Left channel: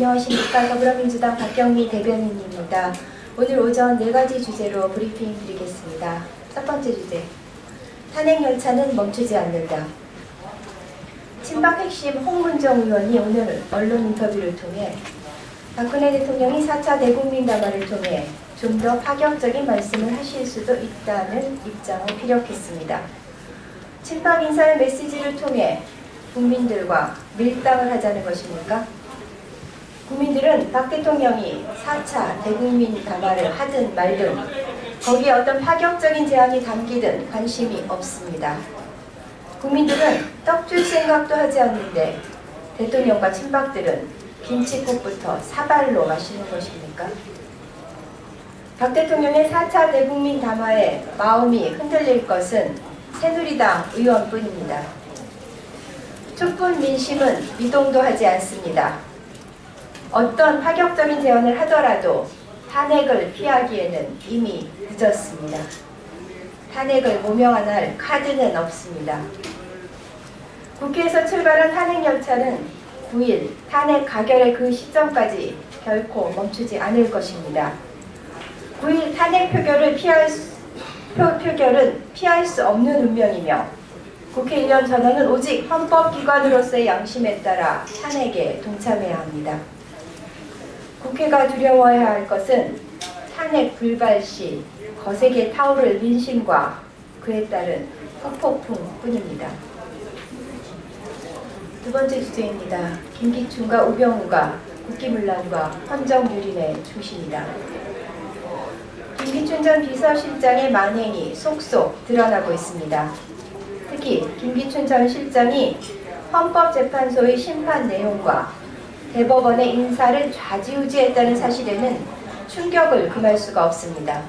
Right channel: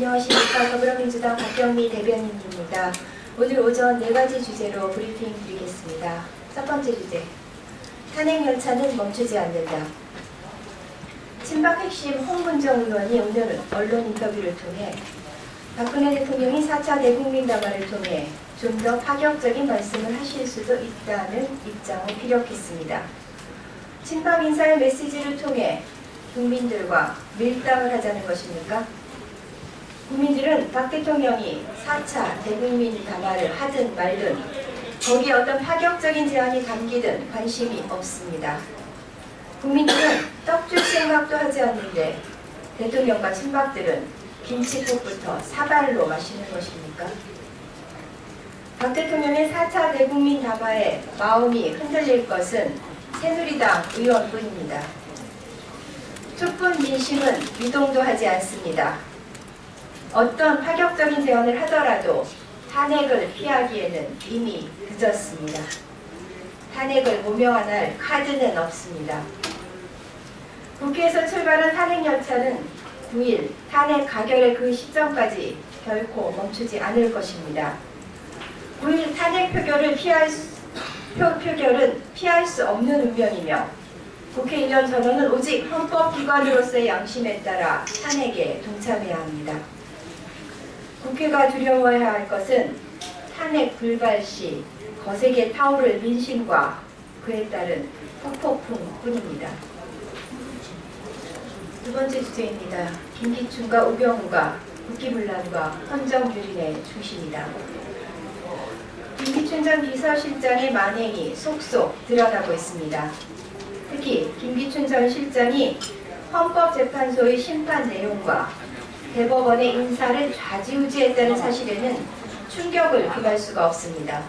안녕하십니까. 더불어민주당 박경미 대변인입니다. 오늘 오전 4가지 주제로 브리핑 드리겠습니다. 첫 번째 주제, 탄핵열차는 멈추지 않는다. 친박 핵심 홍문정 의원이 오늘 언론 인터뷰를 통해 박근혜 대통령이 4차 대국민 담화를 통해 좀 더 파격적인 말씀을 하실 수도 있다는 입장을 피력했습니다. 친박 인사의 메시지를 통해 국민들과 밀당을 하자는 것입니까? 국민들은 박 대통령이 4차 대국민 담화를 하든 말든 거기에 어떤 파격적인 제안이 담기든 관심이 없습니다. 국민들은 떡 줄 생각도 하지 않는데 대통령과 친박들은 김치국부터 사발로 마시는 것입니까? 박 대통령의 4차 대국민 담화에 마음이 흔들릴 것은 새누리당 의원뿐입니다. 촛불 민심은 미동도 하지 않습니다. 어떤 파격적인 제안을 하더라도 탄핵을 피하기에는 이미 늦었습니다. 탄핵을 모명할 카드는 없습니다. 국회에서 출발한 탄핵열차는 9일 탄핵 가결의 그 시점까지 결코 멈추지 않을 것입니다. 9일 탄핵 표결은 피할 수 없는 운명이며 국회의원 전원은 오직 헌법기관으로서의 양심에 따라 탄핵에 동참해야 합니다. 국회가 두려워해야 할 것은 탄핵 불발 시 거세게 타오를 민심과 그에 따른 후폭풍뿐입니다. 두 번째 주제입니다. 김기춘과 우병우가 국기문란과 헌정유린의 중심이다. 김기춘 전 비서실장의 만행이 속속 드러나고 있습니다. 특히 김기춘 전 실장이 헌법재판소의 심판 내용과 대법원의 인사를 좌지우지했다는 사실에는 충격을 금할 수가 없습니다.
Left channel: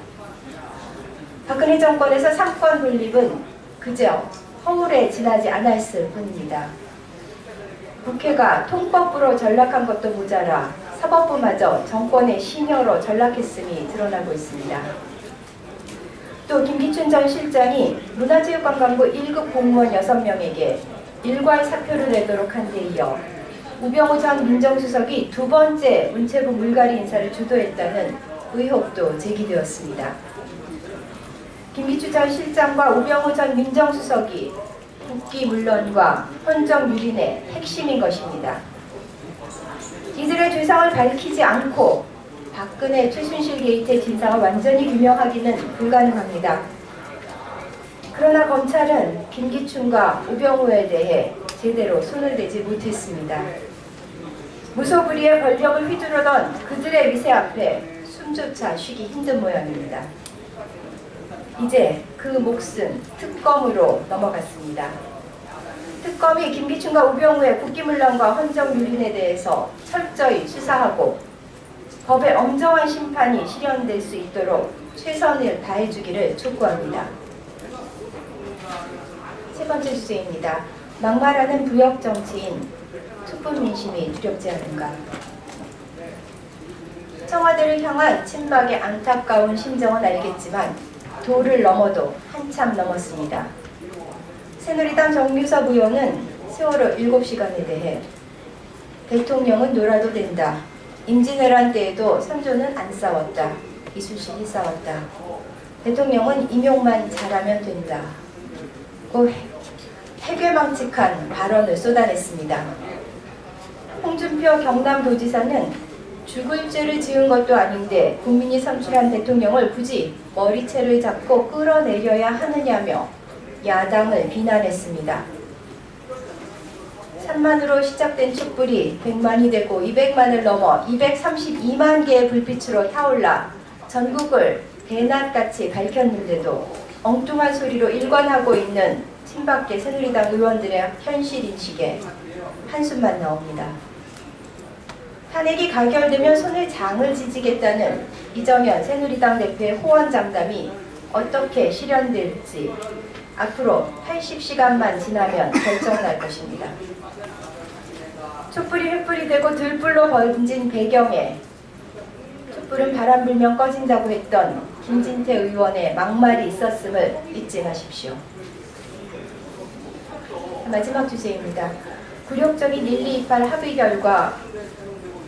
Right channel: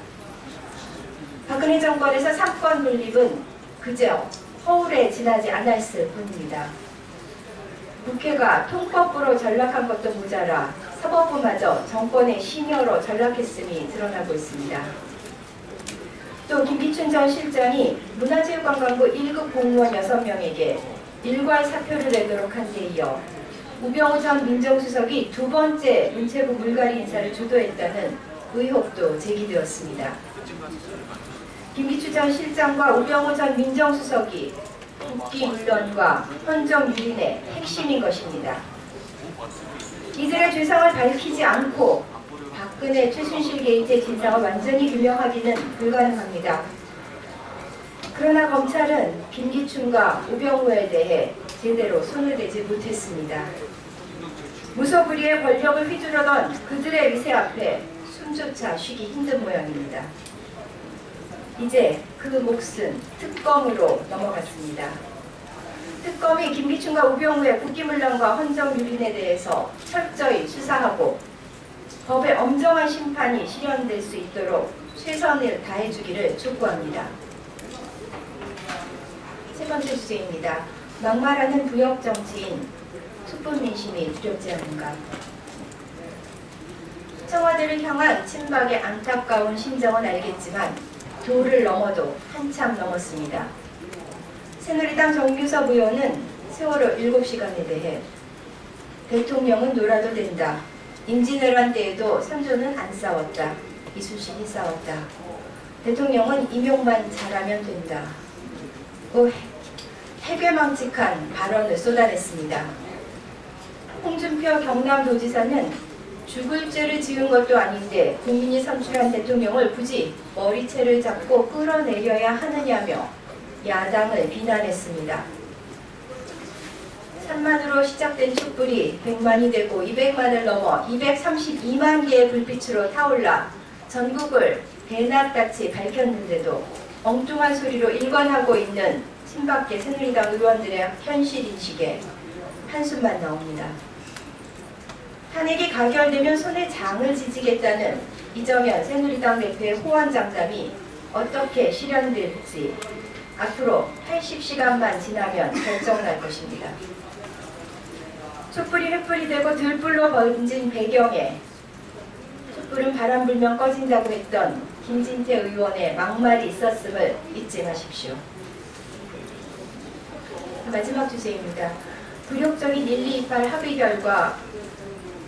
박근혜 정권에서 삼권 분립은 그저 허울에 지나지 않았을 뿐입니다. 국회가 통법부로 전락한 것도 모자라 사법부마저 정권의 신여로 전락했음이 드러나고 있습니다. 또 김기춘 전 실장이 문화체육관광부 1급 공무원 6명에게 일괄 사표를 내도록 한 데 이어 우병우 전 민정수석이 두 번째 문체부 물갈이 인사를 주도했다는 의혹도 제기되었습니다. 김기춘 전 실장과 우병우 전 민정수석이 국기문란과 헌정유린의 핵심인 것입니다. 이들의 죄상을 밝히지 않고 박근혜 최순실 게이트의 진상을 완전히 규명하기는 불가능합니다. 그러나 검찰은 김기춘과 우병우에 대해 제대로 손을 대지 못했습니다. 무소불위의 권력을 휘두르던 그들의 위세 앞에 숨조차 쉬기 힘든 모양입니다. 이제 그 몫은 특검으로 넘어갔습니다. 특검이 김기춘과 우병우의 국기문란과 헌정유린에 대해서 철저히 수사하고 법의 엄정한 심판이 실현될 수 있도록 최선을 다해주기를 촉구합니다. 세 번째 주제입니다. 막말하는 부역 정치인, 촛불 민심이 두렵지 않은가. 청와대를 향한 친박의 안타까운 심정은 알겠지만 도를 넘어도 한참 넘었습니다. 새누리당 정유섭 의원은 세월호 7시간에 대해 대통령은 놀아도 된다. 임진왜란 때에도 선조는 안 싸웠다. 이순신이 싸웠다. 대통령은 임용만 잘하면 된다. 그 해괴망측한 발언을 쏟아냈습니다. 홍준표 경남도지사는 죽을 죄를 지은 것도 아닌데 국민이 선출한 대통령을 굳이 머리채를 잡고 끌어내려야 하느냐며 야당을 비난했습니다. 3만으로 시작된 촛불이 100만이 되고 200만을 넘어 232만 개의 불빛으로 타올라 전국을 대낮같이 밝혔는데도 엉뚱한 소리로 일관하고 있는 친박계 새누리당 의원들의 현실인식에 한숨만 나옵니다. 탄핵이 가결되면 손에 장을 지지겠다는 이정현 새누리당 대표의 호언장담이 어떻게 실현될지 앞으로 80시간만 지나면 결정날 것입니다. 촛불이 횃불이 되고 들불로 번진 배경에 촛불은 바람 불면 꺼진다고 했던 김진태 의원의 막말이 있었음을 잊지 마십시오. 마지막 주제입니다. 굴욕적인 128 합의 결과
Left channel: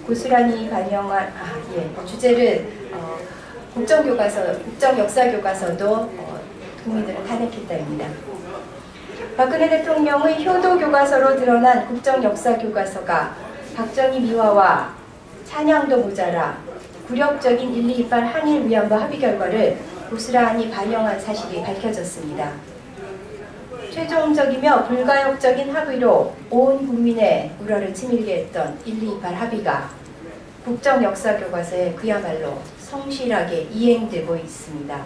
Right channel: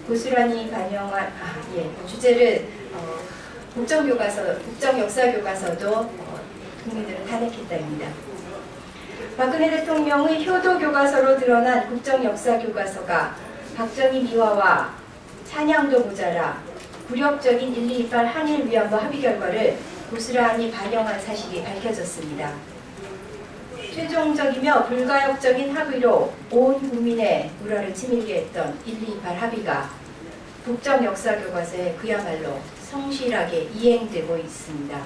고스란히 반영한 주제를 국정역사교과서도 국민들은 탄핵했다입니다. 박근혜 대통령의 효도교과서로 드러난 국정역사교과서가 박정희 미화와 찬양도 모자라 굴욕적인 1.228 한일 위안부 합의 결과를 고스란히 반영한 사실이 밝혀졌습니다. 최종적이며 불가역적인 합의로 온 국민의 우려를 치밀게 했던 1.228 합의가 국정역사교과서에 그야말로 성실하게 이행되고 있습니다.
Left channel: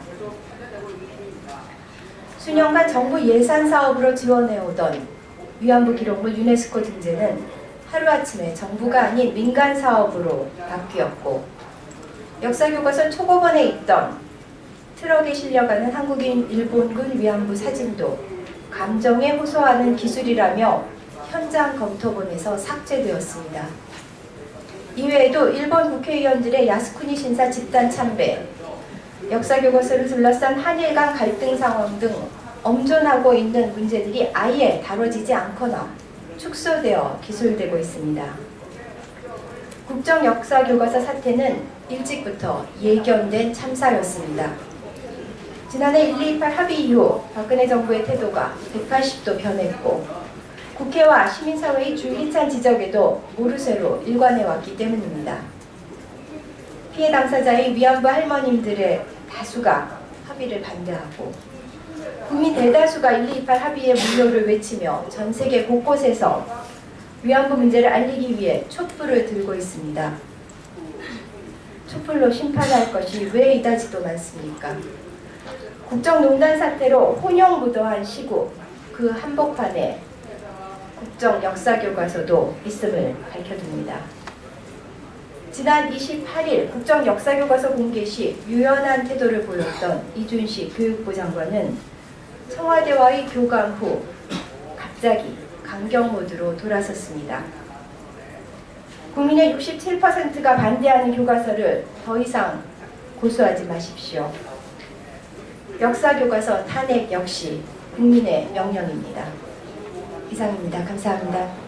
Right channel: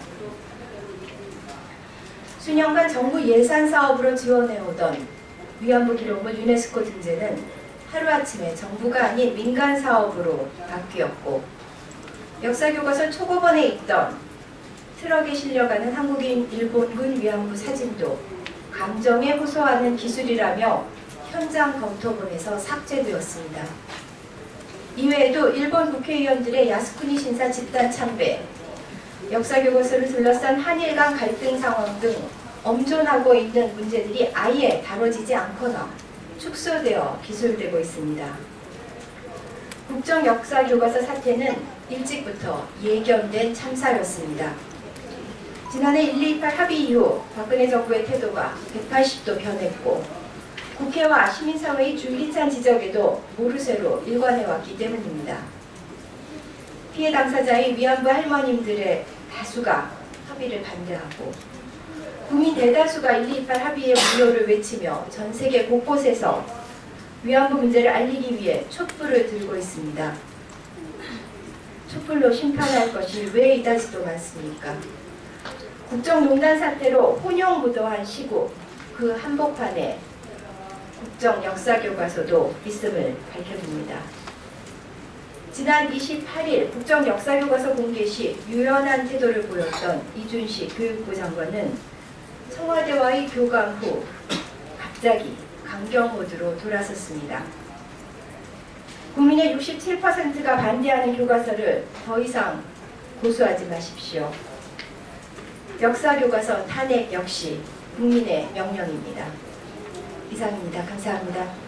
수년간 정부 예산 사업으로 지원해오던 위안부 기록물 유네스코 등재는 하루아침에 정부가 아닌 민간 사업으로 바뀌었고, 역사교과서 초고번에 있던 트럭에 실려가는 한국인 일본군 위안부 사진도 감정에 호소하는 기술이라며 현장 검토본에서 삭제되었습니다. 이외에도 일본 국회의원들의 야스쿠니 신사 집단 참배, 역사교과서를 둘러싼 한일 간 갈등 상황 등 엄존하고 있는 문제들이 아예 다뤄지지 않거나 축소되어 기술되고 있습니다. 국정역사교과서 사태는 일찍부터 예견된 참사였습니다. 지난해 1.228 합의 이후 박근혜 정부의 태도가 180도 변했고, 국회와 시민사회의 줄기찬 지적에도 모르쇠로 일관해왔기 때문입니다. 피해 당사자의 위안부 할머님들의 다수가 합의를 반대하고, 국민 대다수가 1.228 합의의 무효를 외치며 전 세계 곳곳에서 위안부 문제를 알리기 위해 촛불을 들고 있습니다. 촛불로 심판할 것이 왜 이다지도 많습니까? 국정농단 사태로 혼용무도한 시국, 그 한복판에 국정역사교과서도 있음을 밝혀둡니다. 지난 28일 국정역사교과서 공개 시 유연한 태도를 보였던 이준식 교육부 장관은 청와대와의 교감 후 갑자기 강경 모드로 돌아섰습니다. 국민의 67%가 반대하는 교과서를 더 이상 고수하지 마십시오. 역사교과서 탄핵 역시 국민의 명령입니다. 이상입니다. 감사합니다.